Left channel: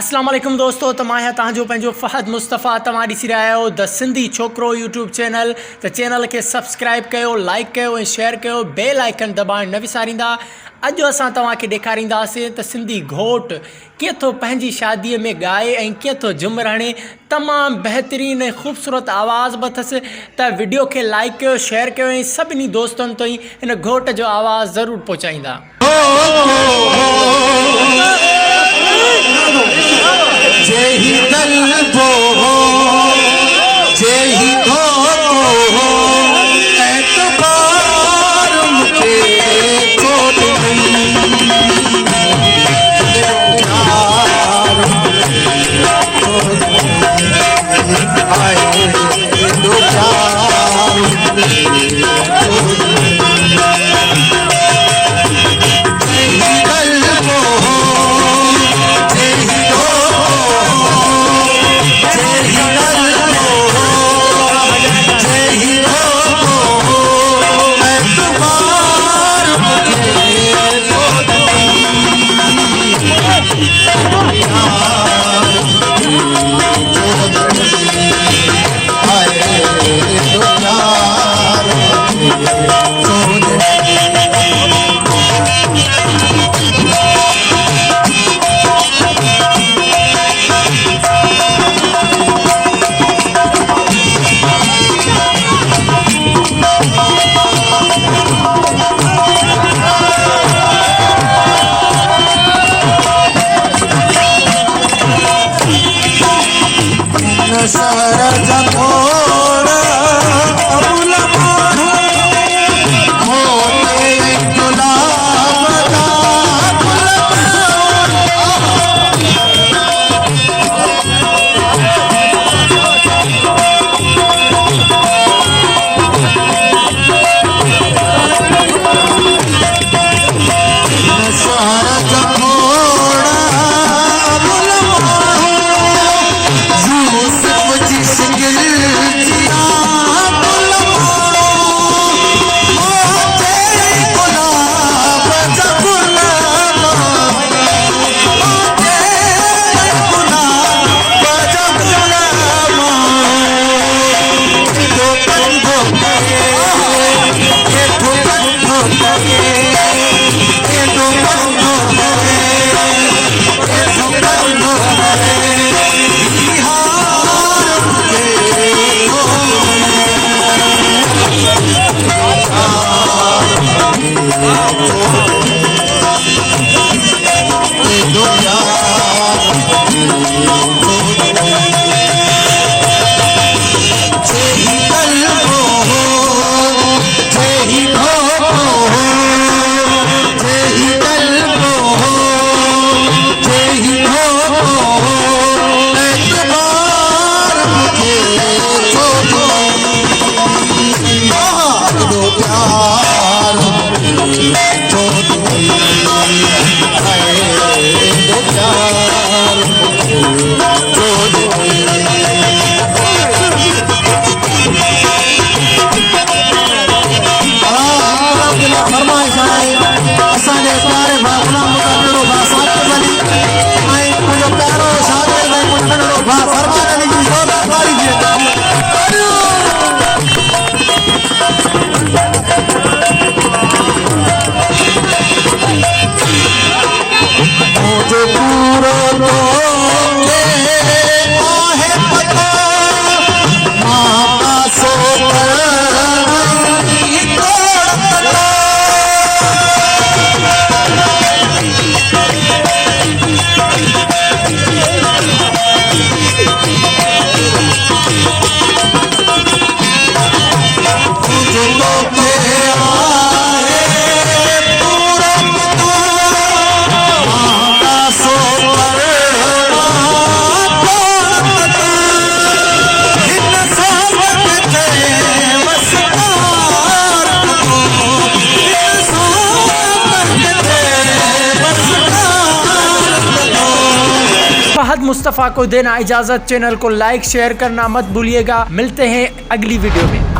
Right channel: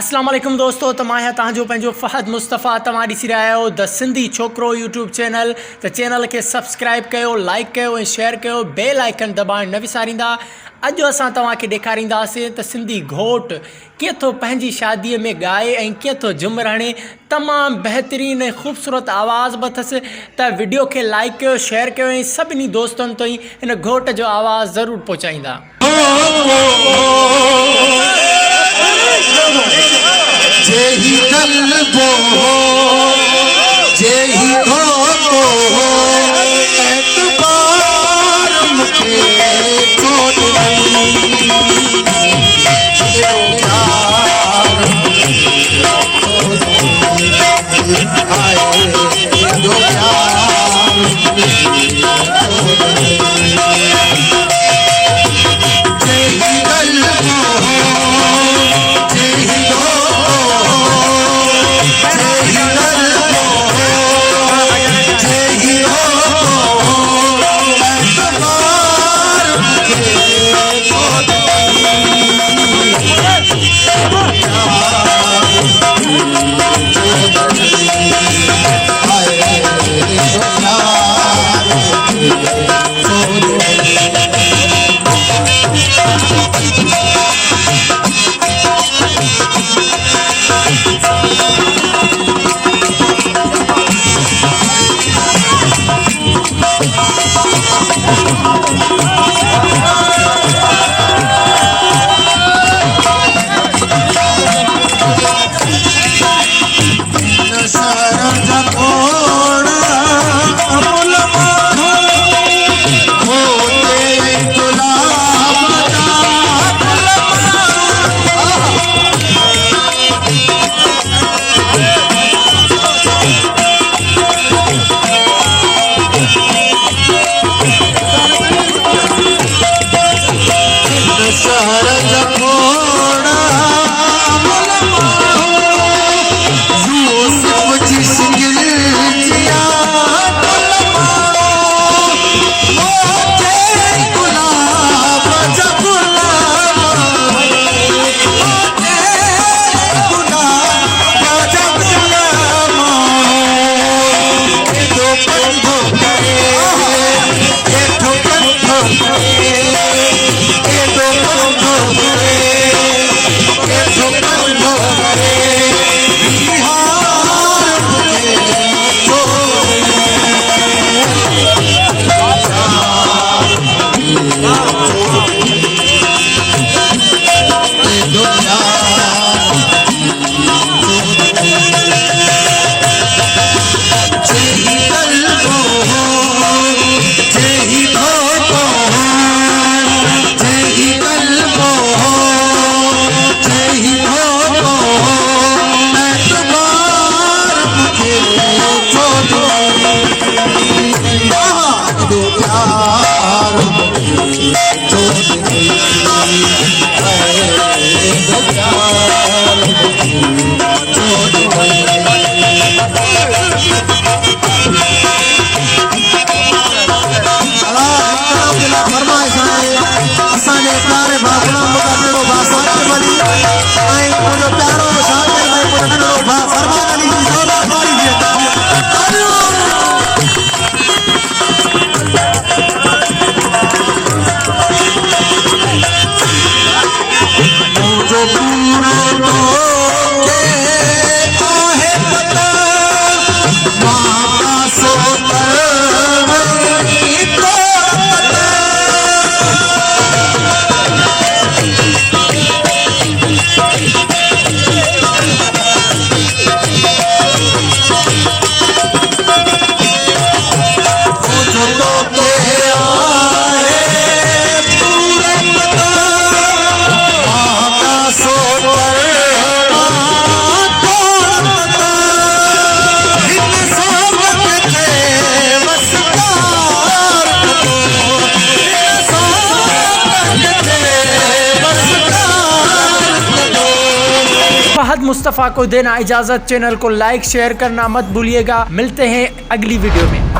अस्सलाम वालेकुम दोस्तों, त मां आहियां तव्हांजो पंहिंजो फ़हद मुस्तफ़ा। तव्हां ॾिसी रहिया आहियो द सिंधी छोकिरो यूट्यूब चैनल। त चैनल खे सब्सक्राइब कयो, लाइक कयो ऐं शेयर कयो, बेल आइकन दॿाइण न विसारींदा। अॼु असां तव्हांखे ॾेखारींदासीं त सिंधी घोट कीअं थो पंहिंजी शादीअ में ॻाए ऐं कीअं थो झुमर हणे। तमामु बहितरीनु ऐं ख़ूबसूरत आवाज़ बि अथसि। त वीडियो खे लाइक कयो, शेयर कयो ऐं सभिनी दोस्तनि ताईं हिन घोट जो आवाज़ ज़रूरु पहुचाईंदा। फ़हद मुस्तफ़ा को देना इजाज़त। चैनल को लाइक शेयर करना मत भूलिएगा। मिलते हैं अगली वीडियो में।